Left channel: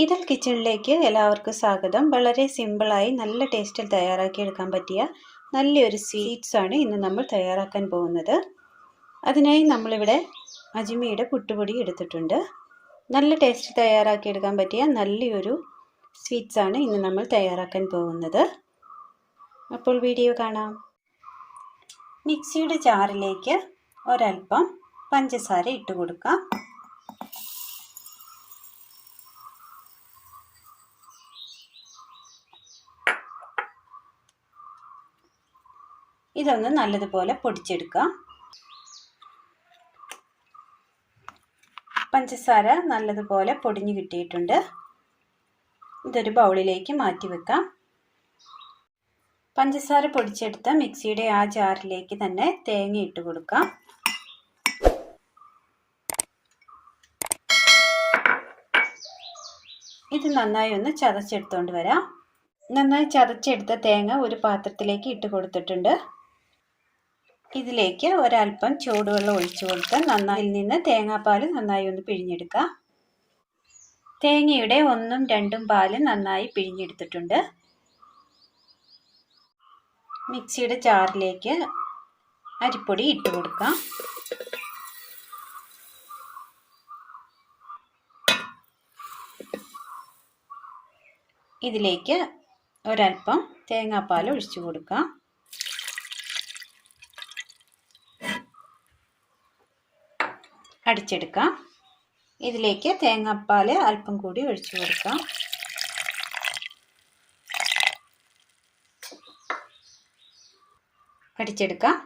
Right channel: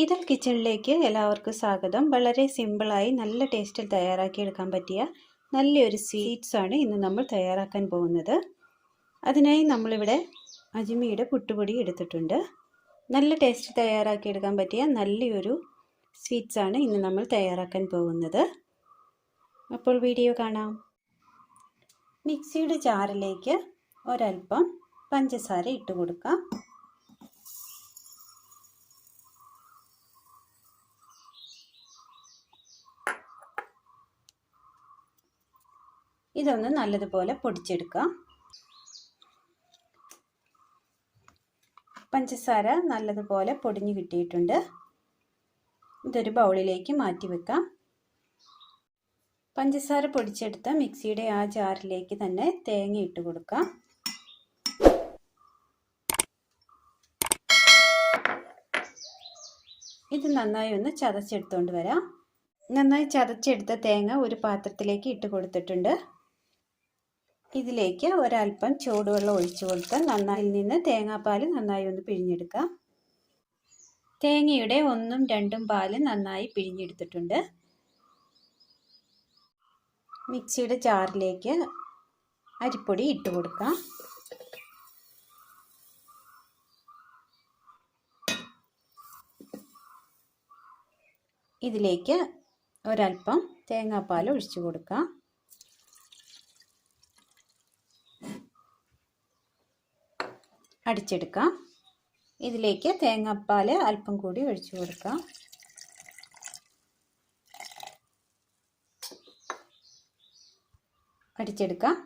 ഈദൽ കിച്ചണിലേക്ക് എല്ലാവർക്കും സ്വാഗതം. വളരെ സിമ്പിളായി നല്ല ടേസ്റ്റിൽ തയ്യാറാക്കിയെടുക്കാൻ പറ്റിയ നല്ലൊരു സ്വീറ്റ്സാണ് ഇന്ന് നമ്മൾ തയ്യാറാക്കാൻ പോകുന്നത്. അതിനായി നമ്മളിവിടെ അജ്മിയുടെ പുട്ടുപൊടി എടുത്തിട്ടുണ്ട്. നല്ല ടേസ്റ്റ് തയ്യാറാക്കിയെടുക്കാൻ പറ്റിയ നല്ലൊരു സ്വീറ്റ്സാണ് ഇന്ന് നമ്മൾ തയ്യാറാക്കാൻ പോകുന്നത്. അപ്പോൾ വീഡിയോ കാണാം. മിക്സിയുടെ ജാറിലേക്ക് ഒരൽപ്പം പഞ്ചസാര ഇട്ട് കൊടുക്കാം. ഇതൊന്ന് നല്ലതുപോലെ പൊടിച്ചെടുക്കാം. പഞ്ചസാര നല്ലതുപോലെ പൊടിഞ്ഞു കിട്ടിയിട്ടുണ്ട്. ഇതൊരു ബൗളിലേക്ക് മാറ്റി വെക്കാം. പഞ്ചസാര പൊടിച്ചെടുത്ത മിക്സിയുടെ ആ ജാറിലേക്ക് തന്നെ തേങ്ങ ഇട്ട് കൊടുക്കാം. ഇത് നന്നായി ഒന്ന് ചതച്ചെടുത്തോണ്ട് വരാം. നന്നായി ചതച്ചെടുത്ത തേങ്ങ ഒരു പാത്രത്തിലേക്ക് ഇട്ട് കൊടുത്തിട്ടുണ്ട്. ഇതിലേക്ക് ഒരൽപ്പം ചൂടുവെള്ളം ഒഴിച്ചു കൊടുത്ത് നന്നായി നിന്ന് തേങ്ങാപ്പാൽ നന്നായി ഒന്ന് പിഴിഞ്ഞെടുക്കാം. തേങ്ങയുടെ 1ഉം 2ഉം പാല് നന്നായി പിഴിഞ്ഞെടുത്തിട്ടുണ്ട്. മിക്സിയുടെ ജാറിലേക്ക് അരിപ്പൊടി ഇട്ട് കൊടുക്കാം. ഇതിലേക്ക് ഒരൽപ്പം തേങ്ങാപ്പാൽ ഒഴിച്ചു കൊടുക്കാം. അടിച്ചെടുക്കാം. ഇതിലേക്ക് തേങ്ങാപ്പാൽ അല്പം കൂടി ഒഴിച്ചു കൊടുക്കാം. അടിച്ചെടുക്കാം.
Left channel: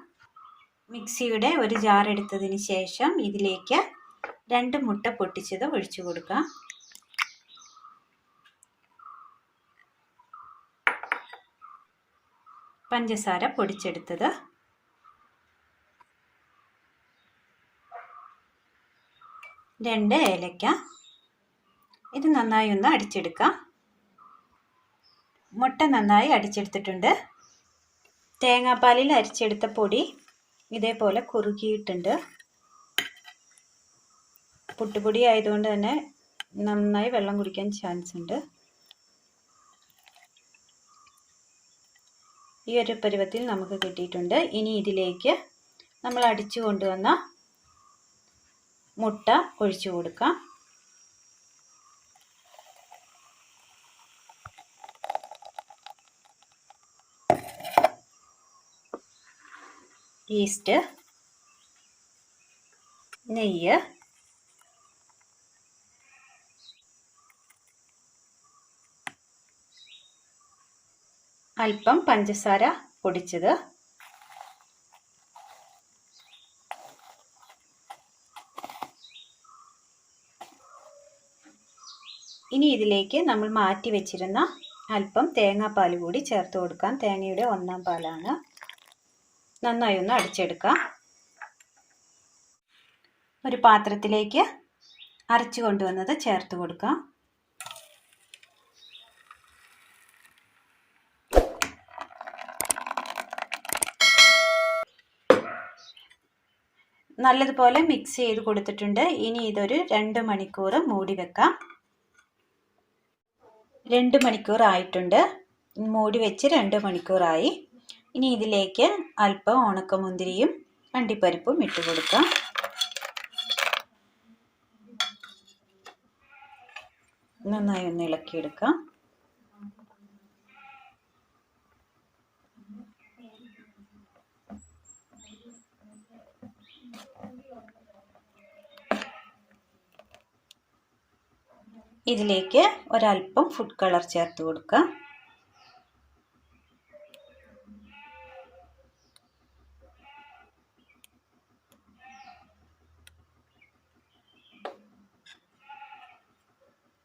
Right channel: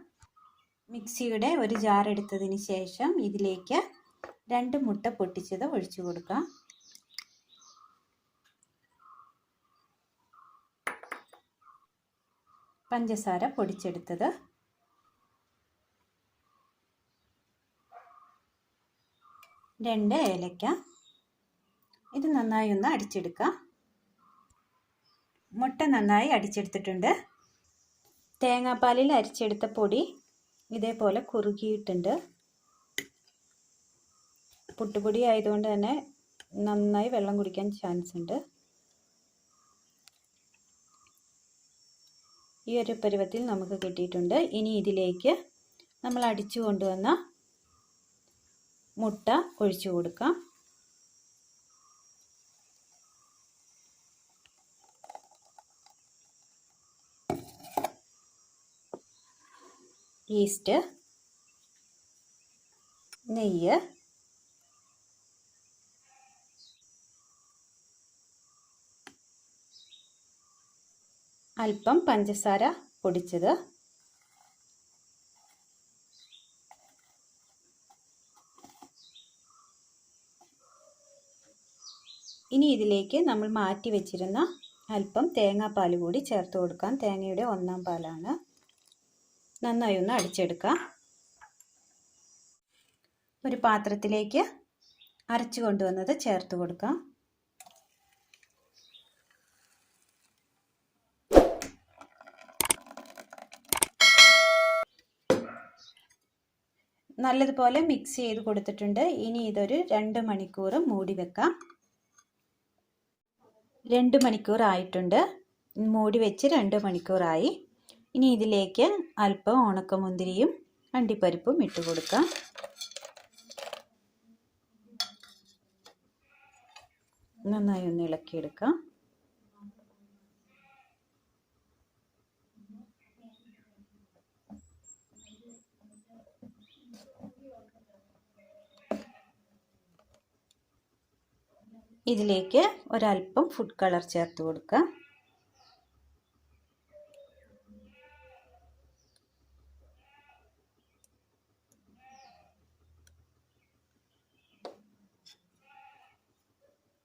മിക്സിയുടെ ഒരു ജാർ എടുത്തതിന് ശേഷം ഇതിലേക്ക് 2 മുട്ട പൊട്ടിച്ചത് ഒഴിച്ചു കൊടുക്കാം. പഞ്ചസാര പൊടിച്ചെടുത്തത്, 2 ഏലക്ക. ഇത് നന്നായി ഒന്ന് അടിച്ചെടുക്കാം. മുട്ട നന്നായി അടിച്ചെടുത്തിട്ടുണ്ട്. തേങ്ങാപ്പാലിൽ അരിച്ചെടുത്ത പൊടി ഇതേപോലെ കുറുകിയിട്ടുണ്ട്. പുട്ടുപൊടി ആയതുകൊണ്ട് തന്നെ നന്നായി വെള്ളം കുടിക്കാൻ ചാൻസ് ഉണ്ട്. ഈ ഒരു പരുവത്തിൽ നമുക്ക് കിട്ടിയിട്ടുണ്ട്. ഇനി ഇതിലേക്ക് നമ്മൾ അടിച്ചു കൊണ്ടുവന്ന മുട്ട ഒഴിച്ചു കൊടുക്കാം. ഈസ്റ്റ്, നെയ്യ്, അല്പം പഞ്ചസാര പൊടിച്ചത്, ഇനി ഇതിലേക്ക് നമ്മൾ മാറ്റി വെച്ചിരുന്ന അല്പം തേങ്ങാപ്പാൽ കൂടി ചേർത്ത് കൊടുക്കാം. തേങ്ങയുടെ 1ആം പാലാണ്. നന്നായി ഒന്ന് അടിച്ചെടുക്കാം. ഒരു പാത്രത്തിലേക്ക് അരച്ചു കൊണ്ടുവന്നത് ചേർത്ത് കൊടുക്കാം. നല്ലതുപോലെ മിക്സ് ചെയ്ത് കൊടുത്തിട്ടുണ്ട്. ഇനി ഇതൊരു 2 മണിക്കൂർ മൂടി വെക്കാം. 2 മണിക്കൂർ ആയിട്ടുണ്ട്. മൂടി വെച്ച് 2 മണിക്കൂറായി. ഇനി ഇതിലേക്ക് അല്പം ഉണക്കമുന്തിരിയും അണ്ടിപ്പരിപ്പും ഇട്ട് കൊടുക്കാം. നന്നായി ഒന്ന് ഇളക്കിയെടുക്കാം. ഇതിലേക്ക് ഒരൽപ്പം ഫുഡ് കളർ ചേർത്ത് കൊടുക്കാം.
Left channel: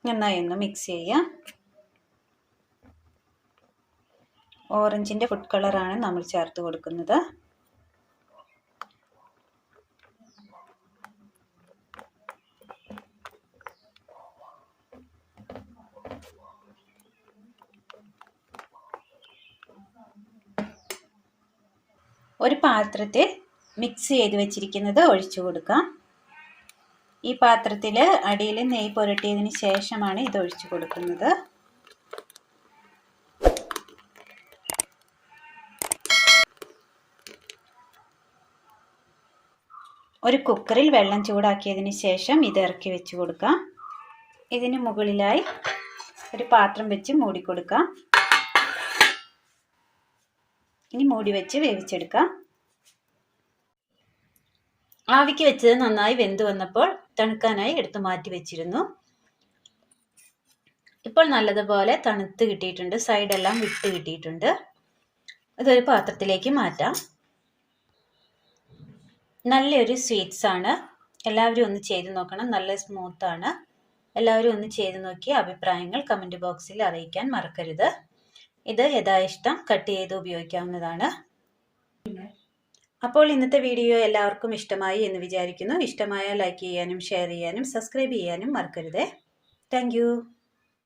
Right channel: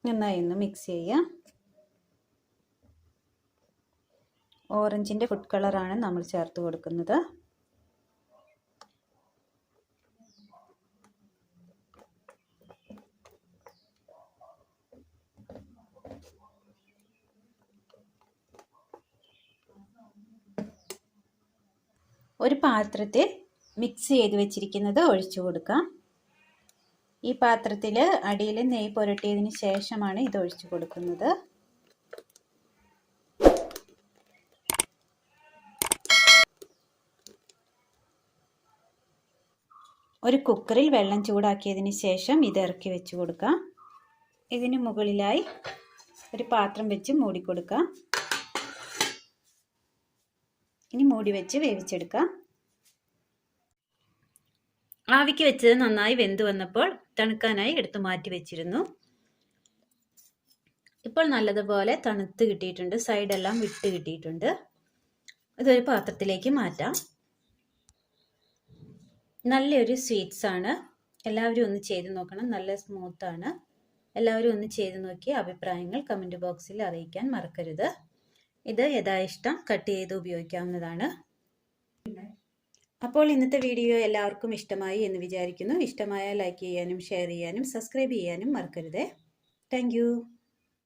നന്നായി ഒന്ന് മിക്സ് ചെയ്യാം. ഓറഞ്ചിൻ്റെ ഫുഡ് കളറാണ് നമ്മൾ ചേർത്ത് കൊടുക്കുന്നത്. ഒരു പാത്രത്തിൽ മിക്സ് ചെയ്ത് വെച്ചിരിക്കുന്നത് ഒഴിച്ചു കൊടുക്കാം. ഈ പാത്രത്തിൽ അടിയിൽ നെയ്യ് പുരട്ടിയതിന് ശേഷമാണ് ഇത് ഒഴിച്ചു കൊടുക്കുന്നത്. ഒരു കുക്കറിൽ വെള്ളം ചൂടാക്കിയതിന് ശേഷം ഇത് ഇറക്കി വെച്ച് കൊടുക്കാം. ഇതിന് മുകളിലായി ഒരു പാത്രം വെച്ച് മൂടി കൊടുക്കാം. ഇനി മൂടി വെച്ച് വേവിച്ചെടുക്കാം. ആവിക്ക് വെച്ചത് നന്നായി വെന്ത് വന്നപ്പോൾ തണുക്കാനായി എടുത്ത് മാറ്റി വെച്ചിരുന്നു. ഇപ്പോൾ നല്ലതുപോലെ തണുത്ത് കിട്ടിയിട്ടുണ്ട്. സൈഡെല്ലാം വിട്ട് കിട്ടിയിട്ടുണ്ട്. ഇതൊരു പാത്രത്തിലേക്ക് മാറ്റാം. നല്ലൊരു സ്വീറ്റ്സ് ആണ്. എല്ലാവരും ഒന്ന് ചെയ്ത് നോക്കണം. നല്ല സ്മൂത്താണ്. എല്ലാവരും ഒന്ന് ചെയ്ത് നോക്കി അഭിപ്രായങ്ങൾ കമൻറ്റ് ബോക്സിൽ അറിയിക്കാൻ മറക്കരുത്. ഇത് യഥാഇഷ്ടം കട്ട് ചെയ്ത് ഉപയോഗിക്കാവുന്നതാണ്. അപ്പോൾ ഇന്നത്തെ വീഡിയോ എല്ലാവർക്കും ഇഷ്ടമായി എന്ന് വിചാരിക്കുന്നു. ഇഷ്ടമായാൽ ലൈക്ക് ചെയ്യാനും ഷെയർ ചെയ്യാനും സബ്സ്ക്രൈബ് ചെയ്യാനും മറക്കരുത്. താങ്ക്